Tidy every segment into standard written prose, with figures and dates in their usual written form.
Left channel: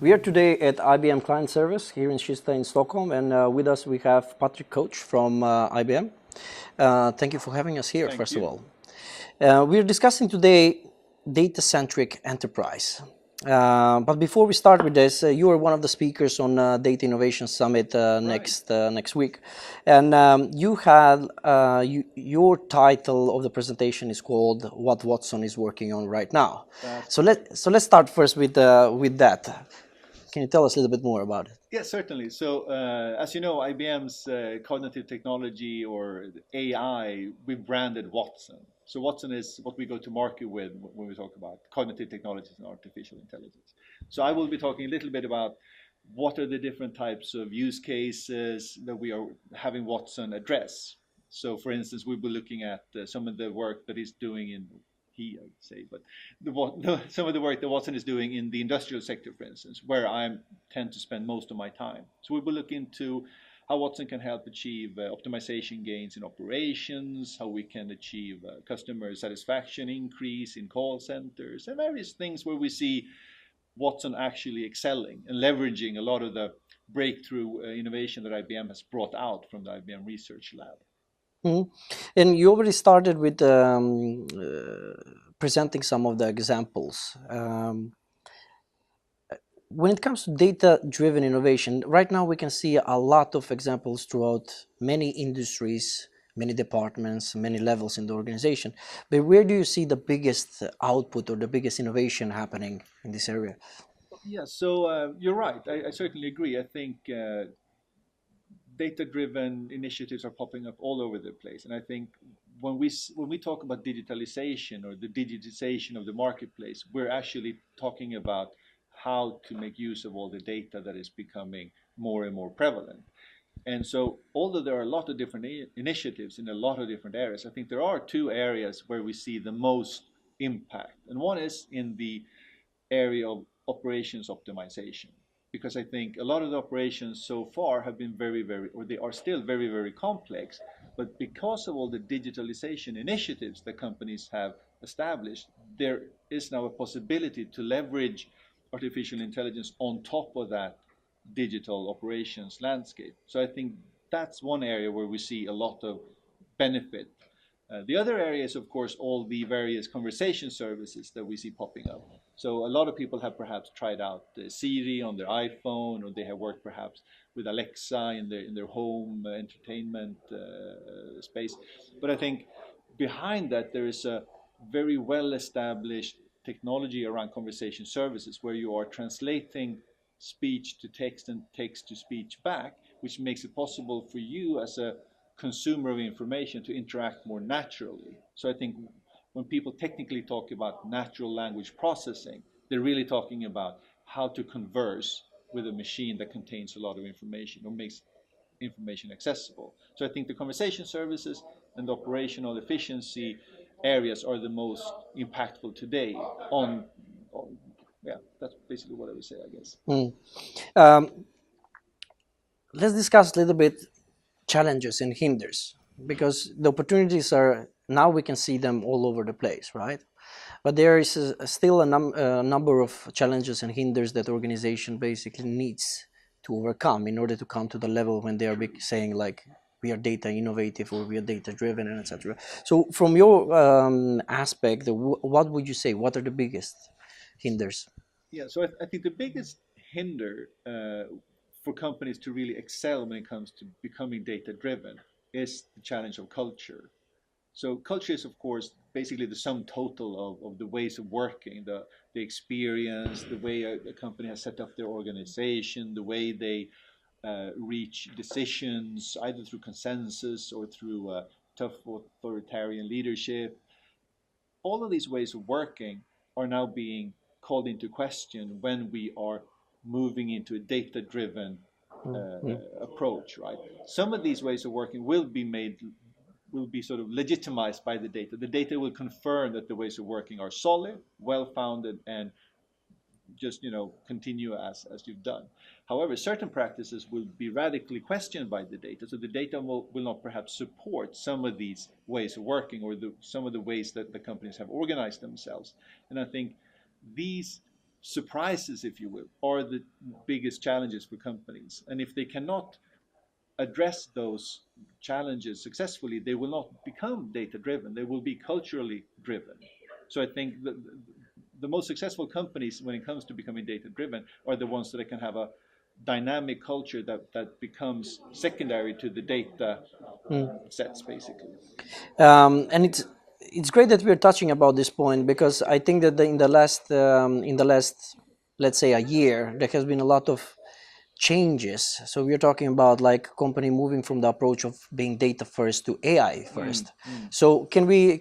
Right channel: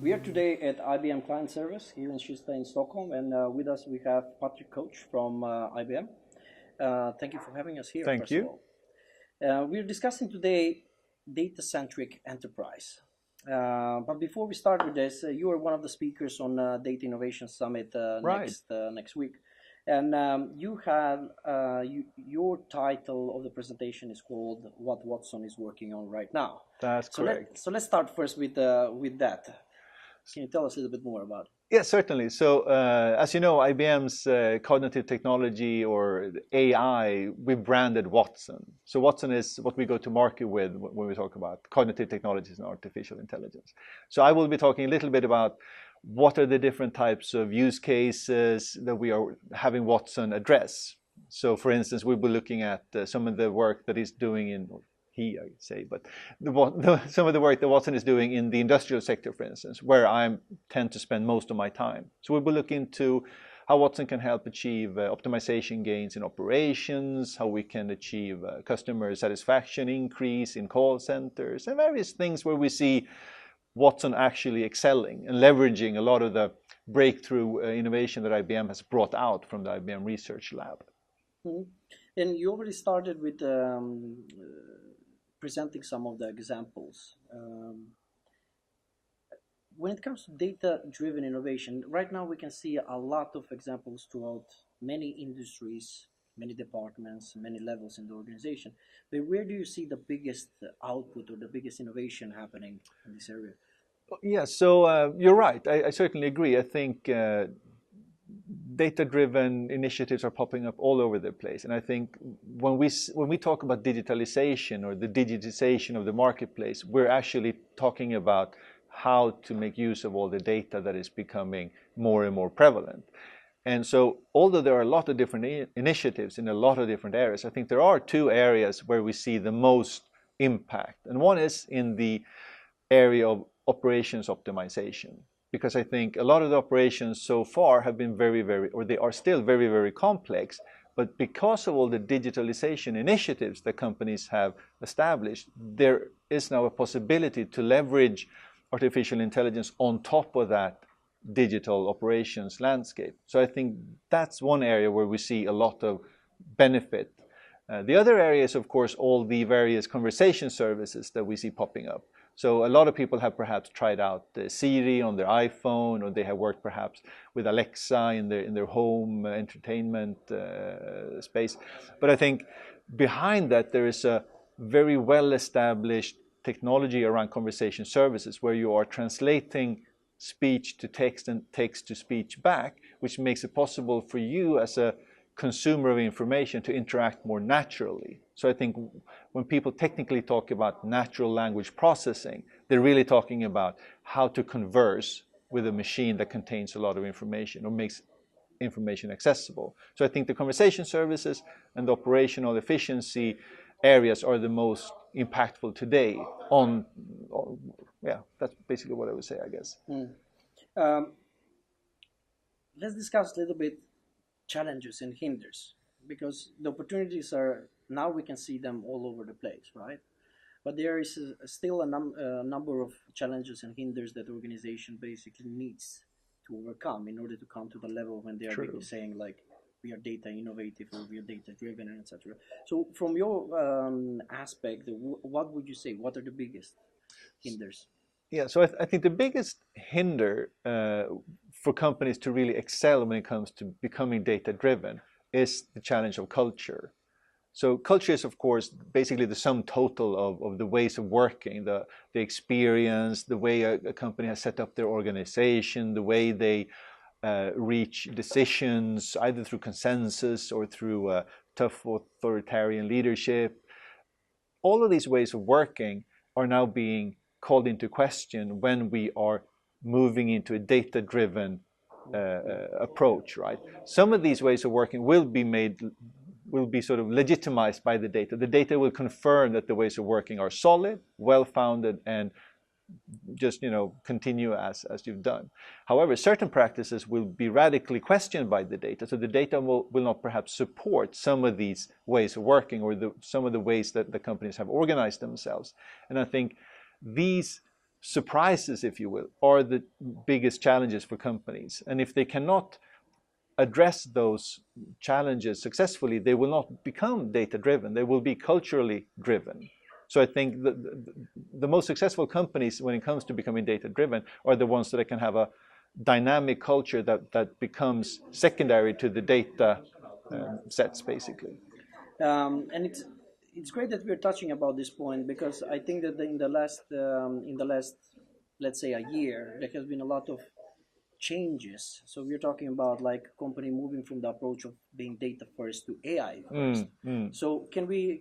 We are today at IBM Client Service here in Kista in Stockholm, and with us we have Patrick Coach from IBM. Thank you for having us here, Thank first of you. all. We're discussing today Datacentric Enterprise. But before we start with this, you are one of the speakers on Data Innovation Summit Right. next week, and you had your title of the presentation is called "What Watson is Working on Right Now." That's So correct. let's start first with that. Can you tell us a little bit more about it? Yes, certainly. So, as you know, IBM's cognitive technology or AI, we branded Watson. So Watson is what we go to market with when we talk about cognitive technologies and artificial intelligence. So I will be talking a little bit about what are the different types of use cases that we are having Watson address. So, for instance, we'll be looking at some of the work that he's doing in I'd say, but some of the work that Watson is doing in the industrial sector, for instance, where I tend to spend most of my time. So we will look into how Watson can help achieve optimization gains in operations, how we can achieve customer satisfaction increase in call centers, and various things where we see Watson actually excelling and leveraging a lot of the breakthrough innovation that IBM has brought out from the IBM Research Lab. Mm-hmm. And you already started with presenting some of the examples. When it comes to data-driven innovation, right now we can see a lot of examples throughout many industries, many departments, many levels in the organization. But where do you see the biggest output or the biggest innovation happening in this area? Yeah, so you're right. I certainly agree. I think data-driven initiatives are popping up all over the place, and I think when we talk about digitalization or the digitization of the marketplace, we're actually talking about how to make use of all the data that is becoming more and more prevalent. And so, although there are a lot of different initiatives in a lot of different areas, I think there are two areas where we see the most impact, and one is in the area of operations optimization, because I think a lot of the operations so far have been or they are still very, very complex. But because of all the digitalization initiatives that companies have established, there is now a possibility to leverage artificial intelligence on top of that digital operations landscape. So I think that's one area where we see a lot of benefit. The other area is, of course, all the various conversation services that we see popping up. So a lot of people have perhaps tried out Siri on their iPhone, or they have worked perhaps with Alexa in their home entertainment space. But I think behind that there is a very well established technology around conversation services where you are translating speech to text and text to speech back, which makes it possible for you as a consumer of information to interact more naturally. So I think when people technically talk about natural language processing, they're really talking about how to converse with a machine that contains a lot of information or makes information accessible. So I think the conversation services and the operational efficiency areas are the most impactful today yeah, that's basically what I would say, I guess. Let's discuss a little bit challenges and hinders, because the opportunities are now we can see them all over the place, right? But there is still a number of challenges and hinders that the organization basically needs to overcome in order to come to the level when they are saying like we are data innovative or we are data driven and etc. So from your aspect, what would you say? What are the biggest hinders? Yeah, so I think the biggest hinder for companies to really excel when it comes to becoming data driven is the challenge of culture. So culture is, of course, basically the sum total of the ways of working, the experience, the way a company has set up their organization, the way they reach decisions, either through consensus or through tough authoritarian leadership. All of these ways of working are now being called into question when we are moving into a data-driven approach, right? Some of these ways of working will be sort of legitimized by the data. The data will confirm that the ways of working are solid, well-founded, and just continue as you've done. However, certain practices will be radically questioned by the data, so the data will not perhaps support some of these ways of working or some of the ways that the companies have organized themselves. And I think these surprises, if you will, are the biggest challenges for companies. And if they cannot address those challenges successfully, they will not become data-driven. They will be culturally driven. So I think the most successful companies when it comes to becoming data-driven are the ones that can have a dynamic culture that becomes secondary to the data sets, basically. And it's great that we're touching about this point, because I think that in the last, let's say, a year, there has been a lot of changes. So we're talking about like company moving from the approach of being data first to AI first. So can we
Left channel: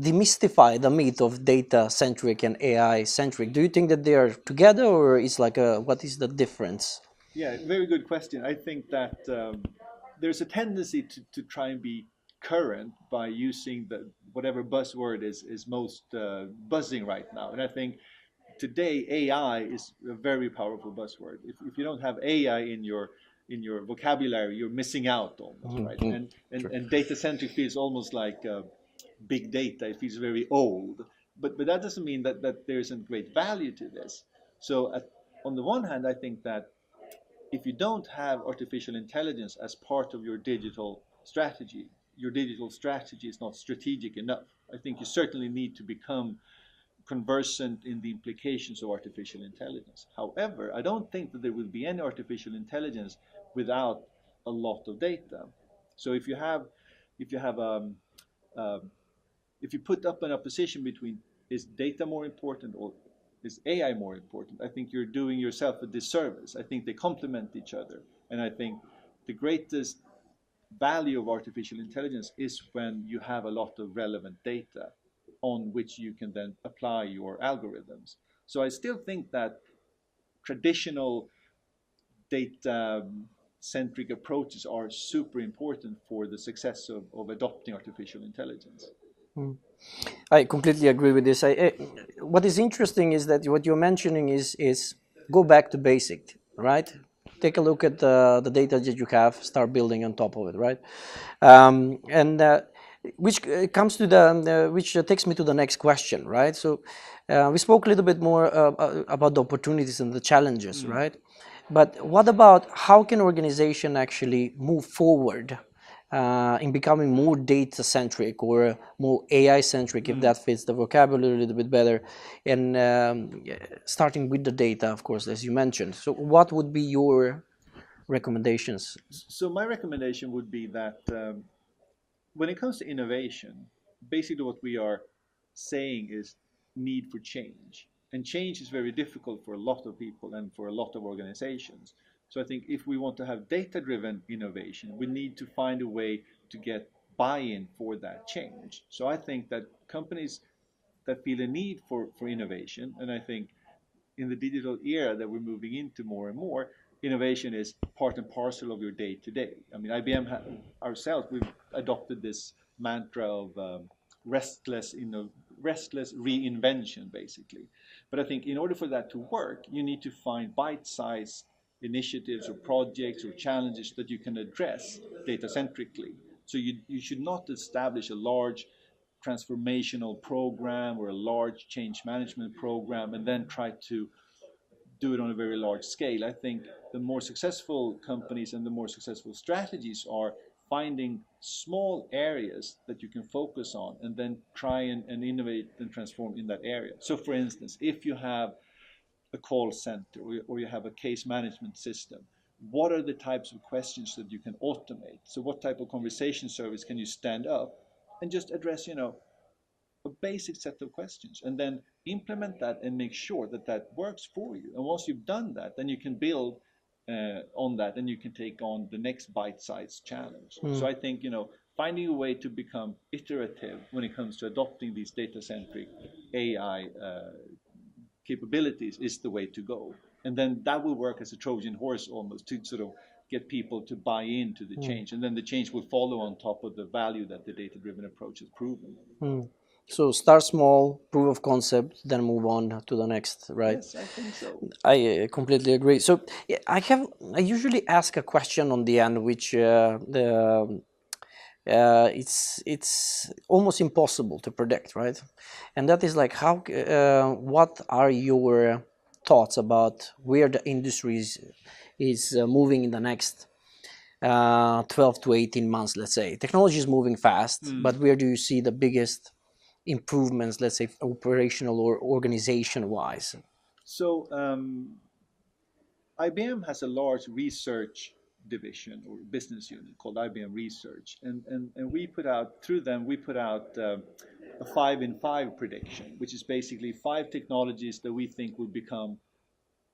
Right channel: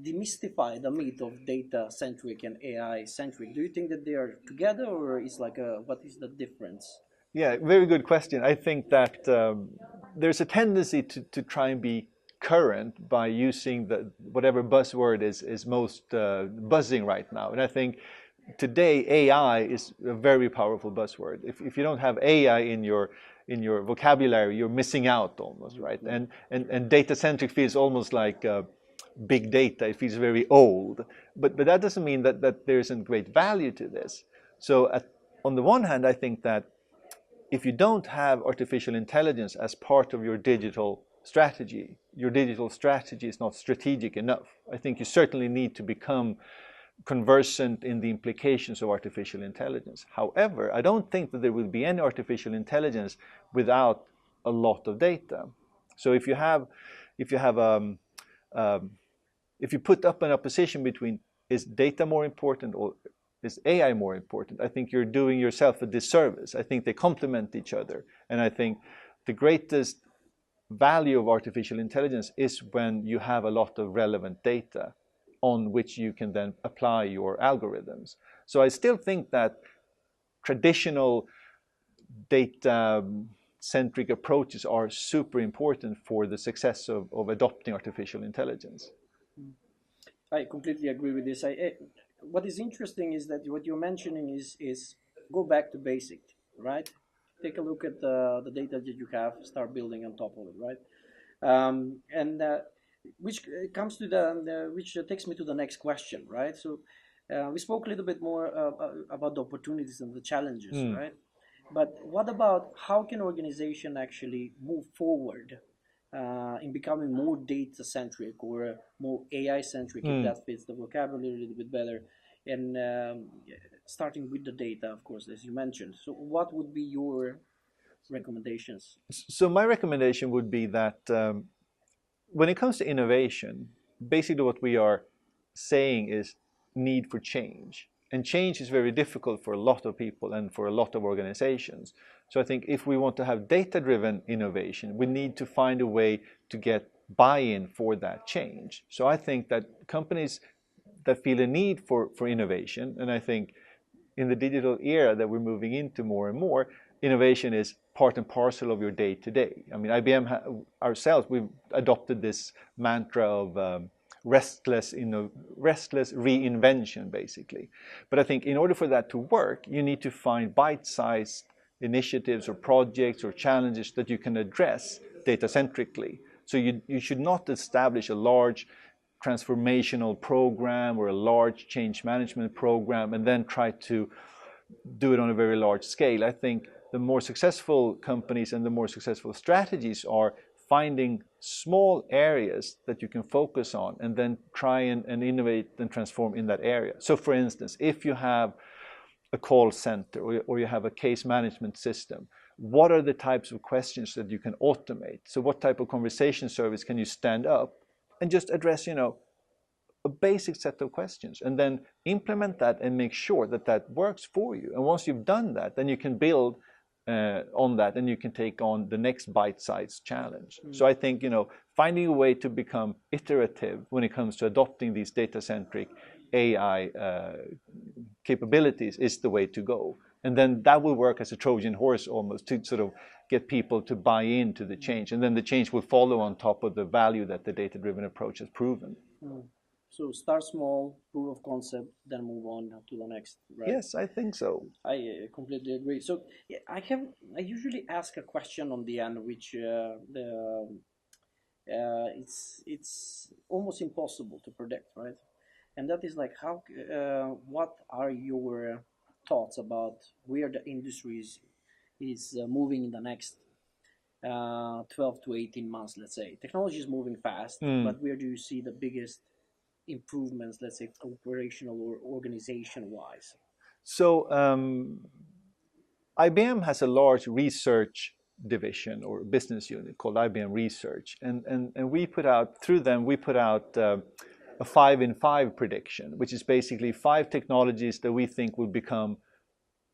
demystify the myth of data centric and AI centric? Do you think that they are together, or is like what is the difference? Yeah, very good question. I think that there's a tendency to try and be current by using whatever buzzword is most buzzing right now. And I think today AI is a very powerful buzzword. If you don't have AI in your vocabulary, you're missing out almost, right? And data-centric feels almost like big data. It feels very old. But that doesn't mean that there isn't great value to this. So on the one hand, I think that if you don't have artificial intelligence as part of your digital strategy is not strategic enough. I think you certainly need to become conversant in the implications of artificial intelligence. However, I don't think that there will be any artificial intelligence without a lot of data. So if you put up an opposition between is data more important or is AI more important, I think you're doing yourself a disservice. I think they complement each other. And I think the greatest value of artificial intelligence is when you have a lot of relevant data on which you can then apply your algorithms. So I still think that traditional data-centric approaches are super important for the success of adopting artificial intelligence. I completely agree with this. What is interesting is that what you're mentioning is go back to basic, right? Take a look at the data that you have, start building on top of it, right? Which comes to which takes me to the next question, right? So we spoke a little bit more about the opportunities and the challenges, right? But what about how can organization actually move forward in becoming more data-centric or more AI-centric, if that fits the vocabulary a little bit better, and starting with the data, of course, as you mentioned. So what would be your recommendations? So my recommendation would be that when it comes to innovation, basically what we are saying is need for change. And change is very difficult for a lot of people and for a lot of organizations. So I think if we want to have data-driven innovation, we need to find a way to get buy-in for that change. So I think that companies that feel a need for innovation, and I think in the digital era that we're moving into more and more, innovation is part and parcel of your day-to-day. I mean, IBM ourselves, we've adopted this mantra of restless reinvention, basically. But I think in order for that to work, you need to find bite-sized initiatives or projects or challenges that you can address data-centrically. So you should not establish a large transformational program or a large change management program and then try to do it on a very large scale. I think the more successful companies and the more successful strategies are finding small areas that you can focus on and then try and innovate and transform in that area. So for instance, if you have a call center or you have a case management system, what are the types of questions that you can automate? So what type of conversation service can you stand up and just address, a basic set of questions and then implement that and make sure that that works for you. And once you've done that, then you can build on that and you can take on the next bite-sized challenge. So I think, finding a way to become iterative when it comes to adopting these data-centric AI capabilities is the way to go. And then that will work as a Trojan horse almost to sort of get people to buy into the change. And then the change will follow on top of the value that the data-driven approach has proven. So start small, proof of concept, then move on to the next, right? Yes, I think so. I completely agree. So I usually ask a question on the end, which it's almost impossible to predict, right? And that is like how what are your thoughts about where the industry is moving in the next 12 to 18 months, let's say? Technology is moving fast, but where do you see the biggest improvements, let's say operational or organization wise? So IBM has a large research division or business unit called IBM Research, and we put out, through them, we put out a 5 in 5 prediction, which is basically 5 technologies that we think will become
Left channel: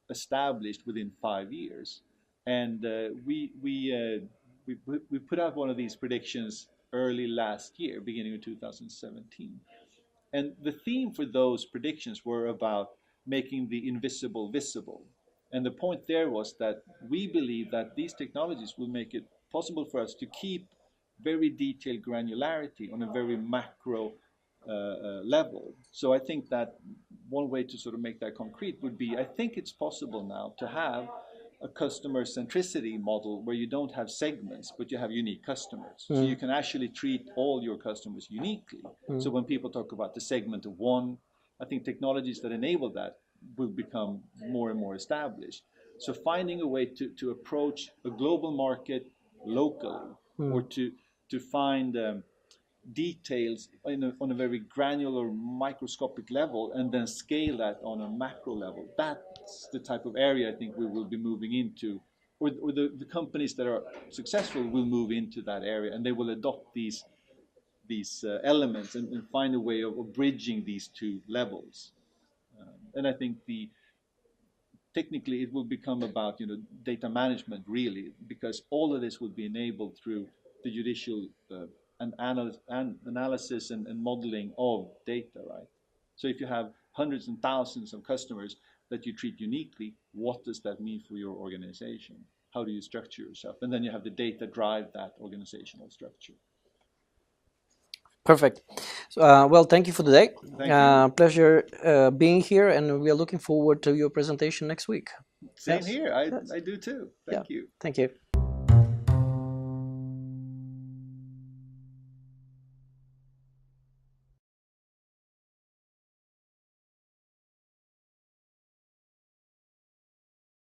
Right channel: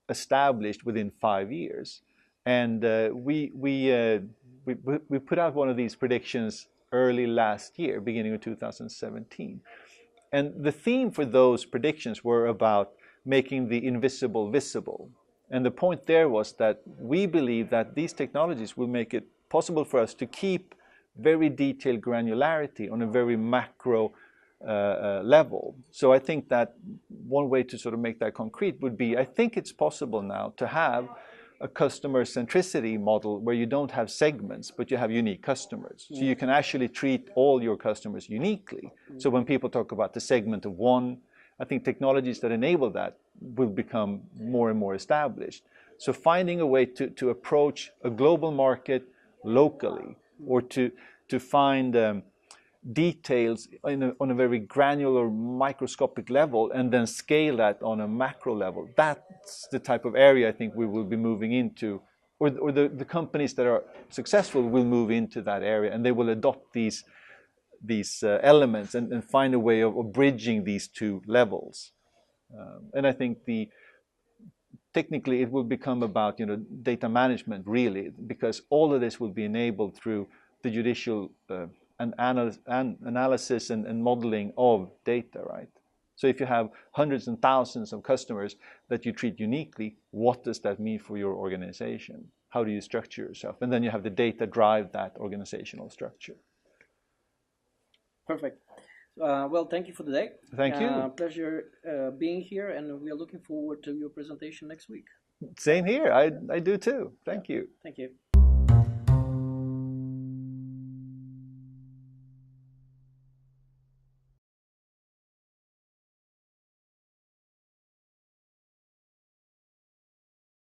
established within 5 years. And we put out one of these predictions early last year, beginning of 2017. And the theme for those predictions were about making the invisible visible. And the point there was that we believe that these technologies will make it possible for us to keep very detailed granularity on a very macro level. So I think that one way to sort of make that concrete would be, I think it's possible now to have a customer centricity model where you don't have segments, but you have unique customers. So you can actually treat all your customers uniquely. So when people talk about the segment of one, I think technologies that enable that will become more and more established. So finding a way to approach a global market locally, or to find details on a very granular microscopic level and then scale that on a macro level. That's the type of area I think we will be moving into, or the companies that are successful will move into that area, and they will adopt these elements and find a way of bridging these two levels. And I think technically it will become about data management really, because all of this will be enabled through the judicial analysis and modeling of data, right? So if you have hundreds and thousands of customers that you treat uniquely, what does that mean for your organization? How do you structure yourself? And then you have the data drive that organizational structure. Perfect. Well, thank you for today. Thank you. Pleasure being here, and we are looking forward to your presentation next week. Same here. I do too. Thank you. Thank you.